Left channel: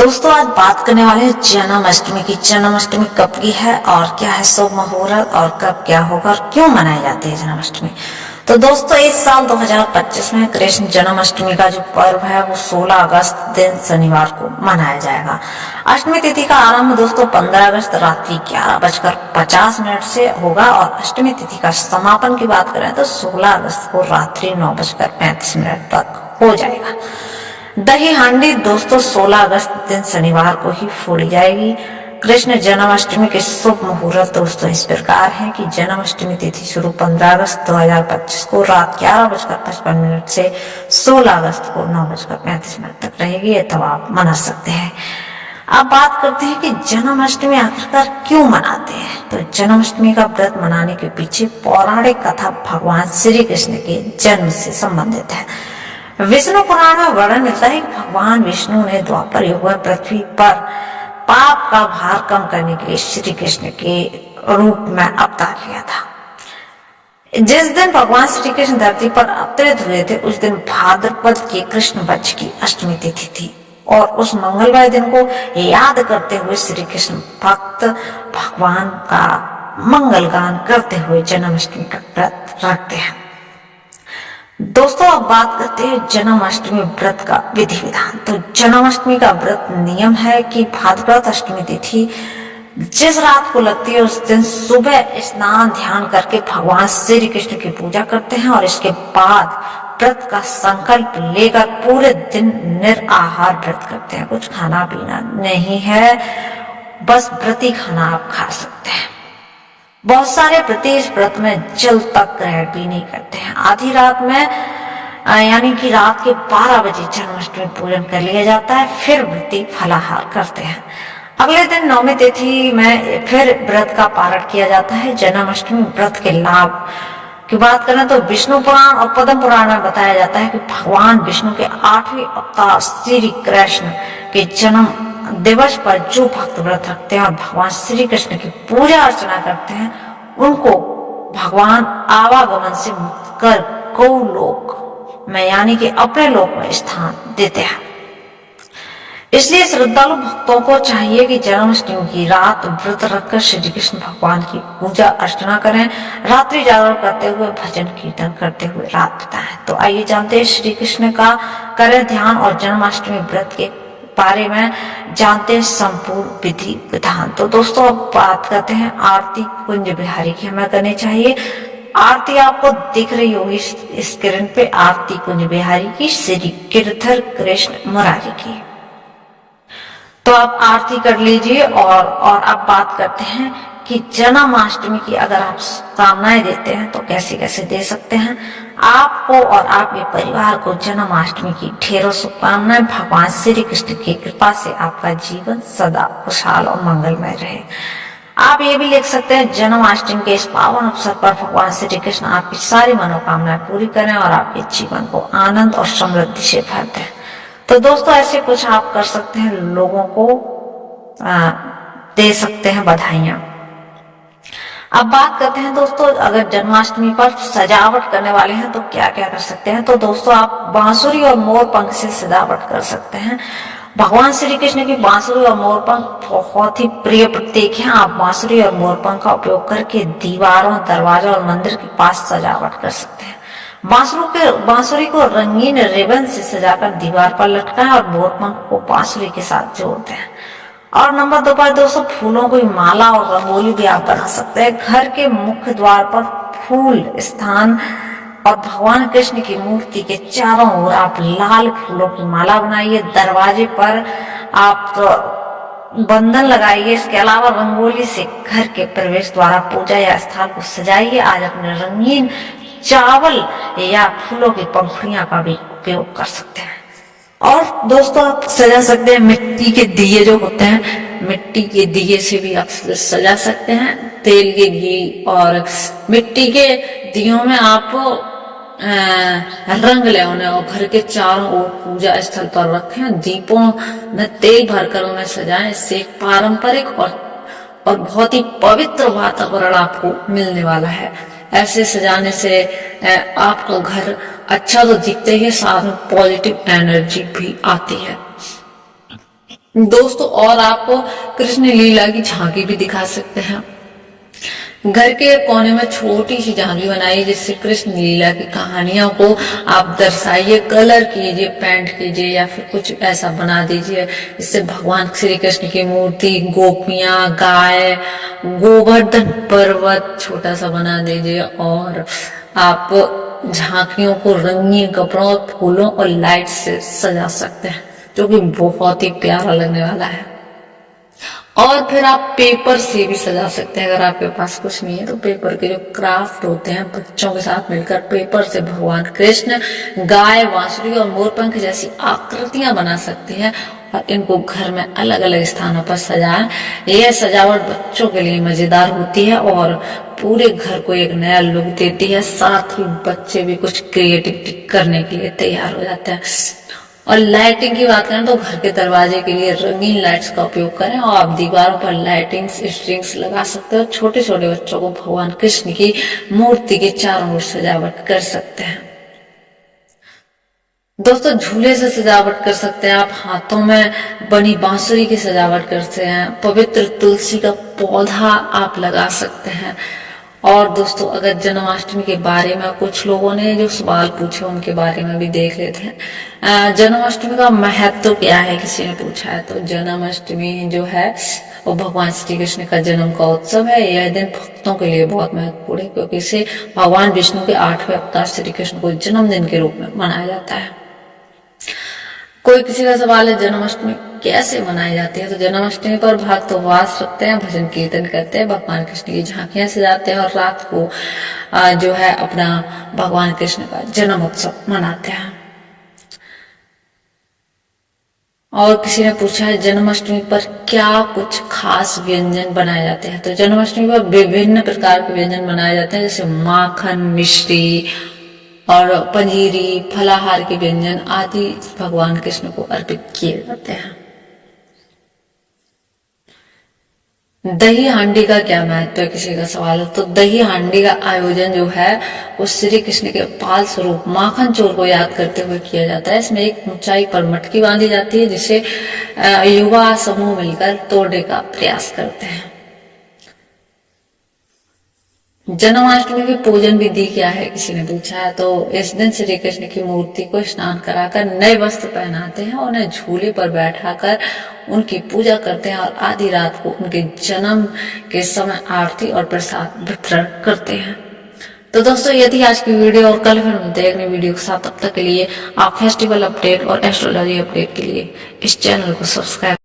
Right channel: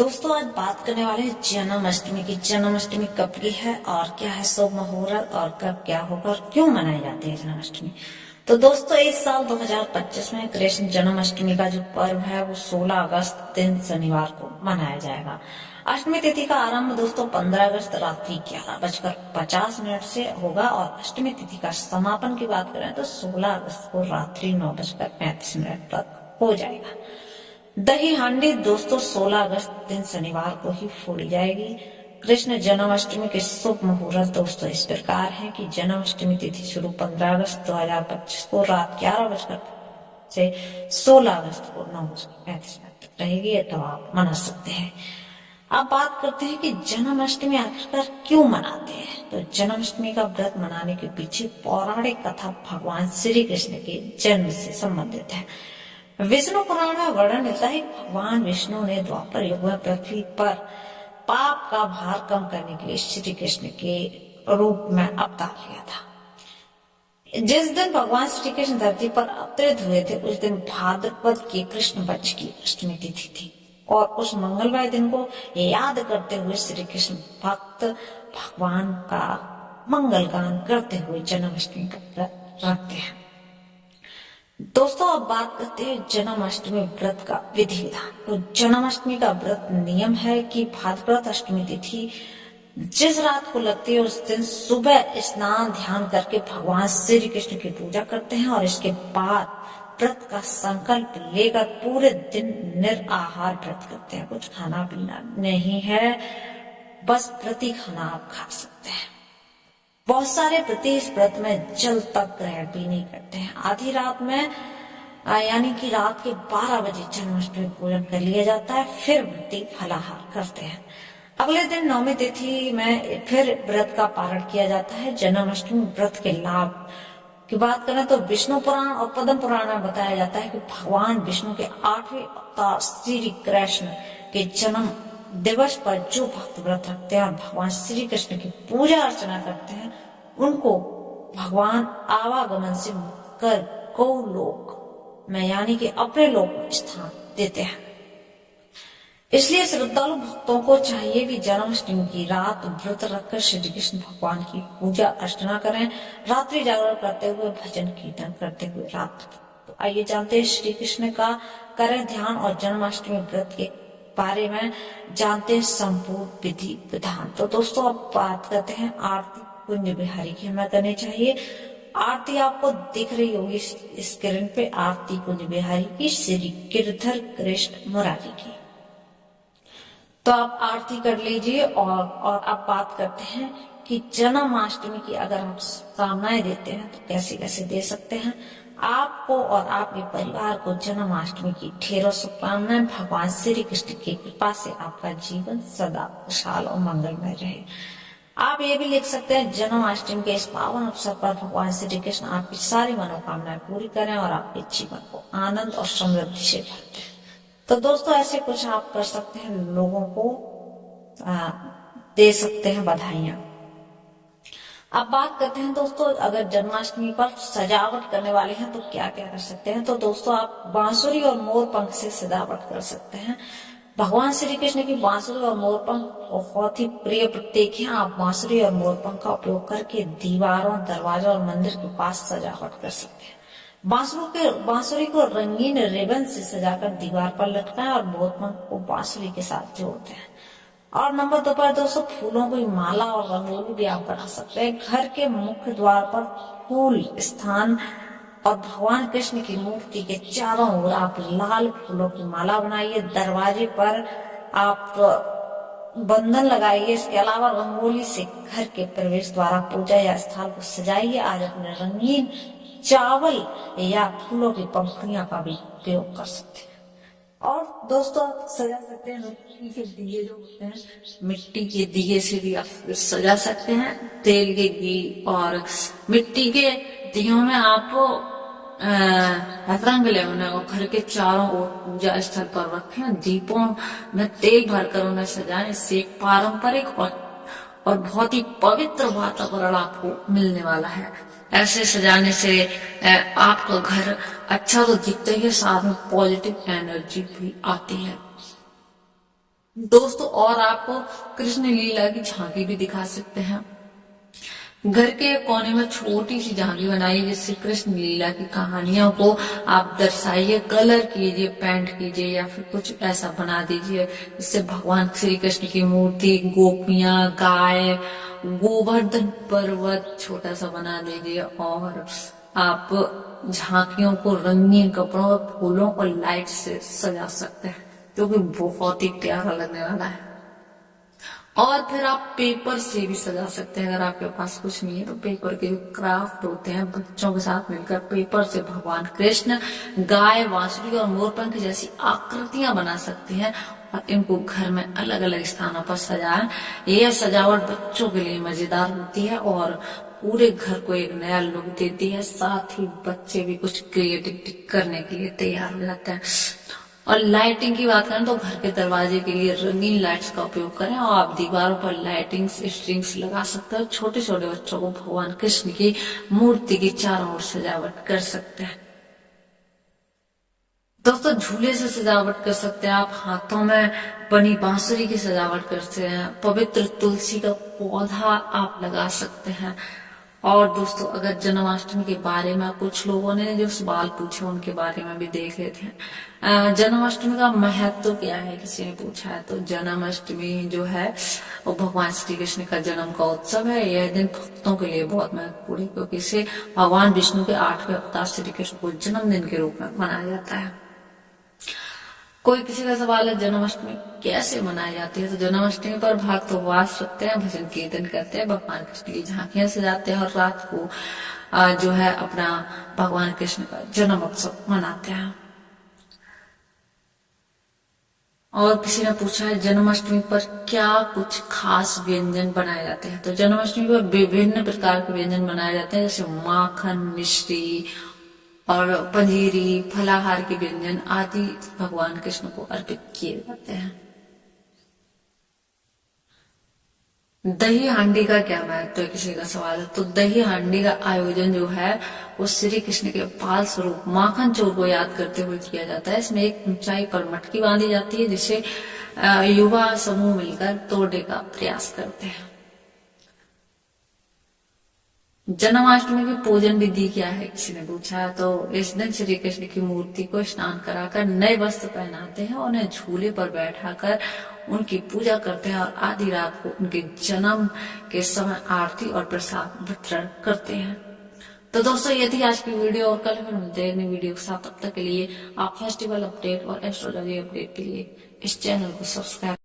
दोस्तों आज बात करने वाले हैं जन्माष्टमी की। जन्माष्टमी कब की है और क्या है शुभ मुहूर्त और कब क्या होगा और क्यों मनाई जाती है जन्माष्टमी। तो दोस्तों इस साल 2025 में कृष्ण जन्माष्टमी का जो पर्व है वो 16 अगस्त दिन शनिवार को मनाया जाएगा। अष्टमी तिथि का आरंभ दोस्तों 15 अगस्त रात्रि 11:50 से होगा और अष्टमी तिथि का समापन की बात करें तो 16 अगस्त को रात्रि 9:35 तक हो जाएगा। दही हांडी दोस्तों 16 अगस्त दिन शनिवार को ही फोड़ी जाएगी। कृष्ण जन्माष्टमी के शुभ मुहूर्त दोस्तों इस प्रकार है कि जन्माष्टमी तिथि शुरू 15 अगस्त 2025 को रात 11:55 से 16 अगस्त को 9:35 तक रहेगी, तो आप मना सकते हैं। अब बात करते हैं कि जन्माष्टमी आखिरकार क्यों मनाते हैं। तो जन्माष्टमी का व्रत मनाने के पीछे पौराणिक कथा भगवान श्री कृष्ण के जन्म से संबंधित है। विष्णु पुराण में वर्णन मिलता है कि भगवान विष्णु ने द्वापर युग में पृथ्वी पर पाप का भार कम करने के लिए श्री कृष्ण के रूप में अवतार लिया था। जिस दिन भगवान श्री कृष्ण धरती पर अवतरित हुए थे उस दिन भाद्रपद के कृष्ण पक्ष की अष्टमी तिथि थी और उस मंगलमय दिन को याद करते हुए श्री कृष्ण भक्त भगवान का मंगल गान करते हुए जन्माष्टमी का व्रत रखते हैं। दोस्तों अब बात करते हैं जन्माष्टमी व्रत का विधि विधान। तो जन्माष्टमी का व्रत नियम है कि भाद्रपद अष्टमी तिथि जिस रात को लगती है उस दिन सुबह स्नान ध्यान करके भगवान श्री कृष्ण की पूजा करते हैं और इसके बाद व्रत का संकल्प लेकर पूरे दिन निराहार व्रत करते हैं। कुछ खाना पीना नहीं है, बस व्रती खाना आप खा सकते हैं। बहुत सारे व्रती इस व्रत में जल तक ग्रहण भी नहीं करते हैं। आधी रात में यानी कि रात के 12 बजे जन्माष्टमी पूजन कर लिया जाता है, फिर व्रती फलाहार करते हैं। अगले दिन नवमी तिथि में फिर व्रत का पारण किया जाता है। जन्माष्टमी व्रत के लाभ की बात करें तो विष्णु पुराण और पद्म पुराण में बताया जाता है कि भगवान विष्णु के 8वें अवतार श्री कृष्ण के जन्म दिवस पर जो भक्त व्रत रखते हैं और भगवान श्री कृष्ण की पूजा अर्चना करते हैं उनको भगवान आवागमन से मुक्त कर गौलोक में यानी कि अपने लोक में स्थान देते हैं। इसलिए श्रद्धालु भक्तों को चाहिए कि जन्माष्टमी की रात व्रत रखकर श्री कृष्ण भगवान की पूजा अर्चना करें, रात्रि जागरण करते हुए भजन कीर्तन करते हुए रात बिताएं। तो आइए जानते हैं श्री कृष्ण का करें ध्यान और जन्माष्टमी व्रत के बारे में जानते हैं संपूर्ण विधि विधान। तो दोस्तों अब बात करते हैं आरती कुंज बिहारी की हमें करनी चाहिए। आरती आपको दिख रही होगी स्क्रीन पे, आरती कुंज बिहारी की श्री गिरधर कृष्ण मुरारी की। तो आप आरती कर लीजिए और अब बात करते हैं कि जन्माष्टमी की अगर आप कामनाएं देते हैं तो कैसे कैसे दे सकते हैं। आपको और आपके परिवार को जन्माष्टमी की ढेरों शुभकामनाएं। भगवान श्री कृष्ण की कृपा से आपका जीवन सदा खुशहाल और मंगलमय रहे। आप ये भी लिख सकते हैं जन्माष्टमी के इस पावन अवसर पर भगवान श्री कृष्ण आपकी सारी मनोकामनाएं पूरी करें और आपके जीवन को आनंद और समृद्धि से भर दें। तो दोस्तों ऐसे कुछ आप कर सकते हैं, लोगों को दे सकते हैं बधाइयां। अब बात करते हैं दोस्तों अगर जन्माष्टमी पर सजावट करने वाले हैं तो क्या क्या कर सकते हैं। तो दोस्तों आप बांसुरी और मोर पंख से सजावट कर सकते हैं। भगवान श्री कृष्ण की बांसुरी और मोर पंख बहुत ही प्रिय प्रतीक हैं। आप बांसुरी और मोर पंख का उपयोग करके दीवारों, दरवाजा और मंदिर के पास सजावट कर सकते हैं। बांसुरी को रंगीन रिबन से सजाकर दीवार पर लटकाएं और मोर पंख को बांसुरी के साथ जोड़ दें। और नंबर 2 पर दोस्तों फूलों की माला और रंगोली भी आप बना सकते हैं। घर के मुख्य द्वार पर फूल स्थान और भगवान कृष्ण की मूर्ति के चारों ओर आप लाल फूलों की माला बनाइए। दरवाजे पर आप बंधन लगाइए। इसके अलावा रंगोली से घर के प्रवेश द्वार, पूजा या स्थान को सजाइए। आज अपने रंगीन चावल या फूलों की पंखुड़ियां का भी उपयोग कर सकते हैं। और दोस्तों आप सजा सकते हैं मिट्टी के दिए जो होते हैं, मिट्टी के दिए से भी आप सजा सकते हैं। तेल के घी और मिट्टी के दियों में आप रंग ले उन्हें और घर के चारों ओर पूजा स्थल पर रखें। दीपों में तेल भरकर उन्हें सजाएं। इससे एक पारंपरिक और बहुत ही पवित्र वातावरण आपको मिलने वाला है। ऐसे सजाने से आपका घर अच्छा तो दिखता ही है, साथ में पॉजिटिव एनर्जी भी आती है। दोस्तों और आप कृष्ण लीला की झांकी भी दिखा सकते हैं। घर के कोने में छोटी सी झांकी बनाइए जिससे कृष्ण लीला की कहानियों को आप दर्शाइए, कलर कीजिए, पेंट कीजिए या फिर कुछ ऐसा बना दीजिए इससे भगवान श्री कृष्ण की मूर्ति, गोपियां, गाय, गोवर्धन पर्वत छोटा सा बना दीजिए। और आप झांकियों को रंगीन कपड़ों और फूलों और लाइट से सजा सकते हैं जो कि बहुत ही प्यारा लगने वाला है। और फिर आप पेपर से भी सजा सकते हैं। अगर आपके पास कुछ नहीं है तो पेपर के जो क्राफ्ट होते हैं, बच्चों के साथ मिलकर पेपर से भगवान कृष्ण गाय, बांसुरी और मोरपंख जैसी आकृतियां बना सकते हैं और इनको घर में अलग अलग स्थानों पर सजाएं। यह सजावट बच्चों के लिए मजेदार होती है और पूरे घर को एक नया लुक देती है। साथ ही बच्चे भी कुछ क्रिएटिविटी करने के लिए तैयार हो जाते हैं। और लाइटिंग की बात करें तो घर के दरवाजे के लिए रंगीन लाइट्स का उपयोग करें और आप दीवारों पर लाइटिंग्स, स्ट्रिंग्स लगा सकते हो। छोटे छोटे बच्चों को भगवान कृष्ण की मूर्ति के चारों ओर सजावट कर सकते हैं। दोस्तों झूले से सजावट कर सकते हैं आप, हाथों में बनी बांसुरी की सजावट करते हैं, पवित्र तुलसी का पौधा आप लगा सकते हैं। और दोस्तों अगर जन्माष्टमी के बारे में कुछ लोगों ने जो सवाल पूछे उनके बारे में भी देख लेते हैं। जन्माष्टमी का महत्व क्या है, किसी ने पूछा है। तो जन्माष्टमी जो है वो भगवान श्री कृष्ण का जन्म का उत्सव है। यह दिन भक्तों के लिए बहुत महत्वपूर्ण है क्योंकि इसे भगवान विष्णु के 8वें अवतार श्री कृष्ण को जन्मदिन के रूप में मनाया जाता है। कोई किसी का सवाल है जन्माष्टमी कैसे मनाई जाती है, तो जन्माष्टमी पर भक्त उपवास रखते हैं, भजन कीर्तन करते हैं, भगवान कृष्ण की झांकियां सजाते हैं और रात को जो है अपना भगवान कृष्ण का जन्म उत्सव मनाते हैं। और किसी ने पूछा है जन्माष्टमी पर क्या कुछ खास व्यंजन बनाए जाते हैं। तो जन्माष्टमी पर विभिन्न प्रकार के व्यंजन बनाए जाते हैं जैसे माखन, मिश्री और पंजीरी, फलाहार के व्यंजन आदि भगवान कृष्ण को अर्पित किए जाते हैं। दही हांडी का क्या महत्व है, किसी का सवाल है। तो दही हांडी का आयोजन जो है वो श्री कृष्ण के बाल स्वरूप माखन चोर को याद करते हुए किया जाता है। इसमें एक ऊंचाई पर मटकी बांधी जाती है जिसे युवा समूह मिलकर तोड़ने का प्रयास करते हैं। जन्माष्टमी की पूजन विधि क्या है, किसी ने पूछा है। तो इस दिन श्री कृष्ण की मूर्ति को स्नान कराकर नए वस्त्र पहनाते हैं और उन्हें झूले पर बैठाकर उनकी पूजा करते हैं और आधी रात को उनके जन्म के समय आरती और प्रसाद वितरण करते हैं। तो दोस्तों ये थी आज की वीडियो और कल फिर मिलते हैं अगली वीडियो के साथ। तब तक के लिए आप फेस्टिवल अपडेट और एस्ट्रोलॉजी अपडेट के लिए इस चैनल को सब्सक्राइब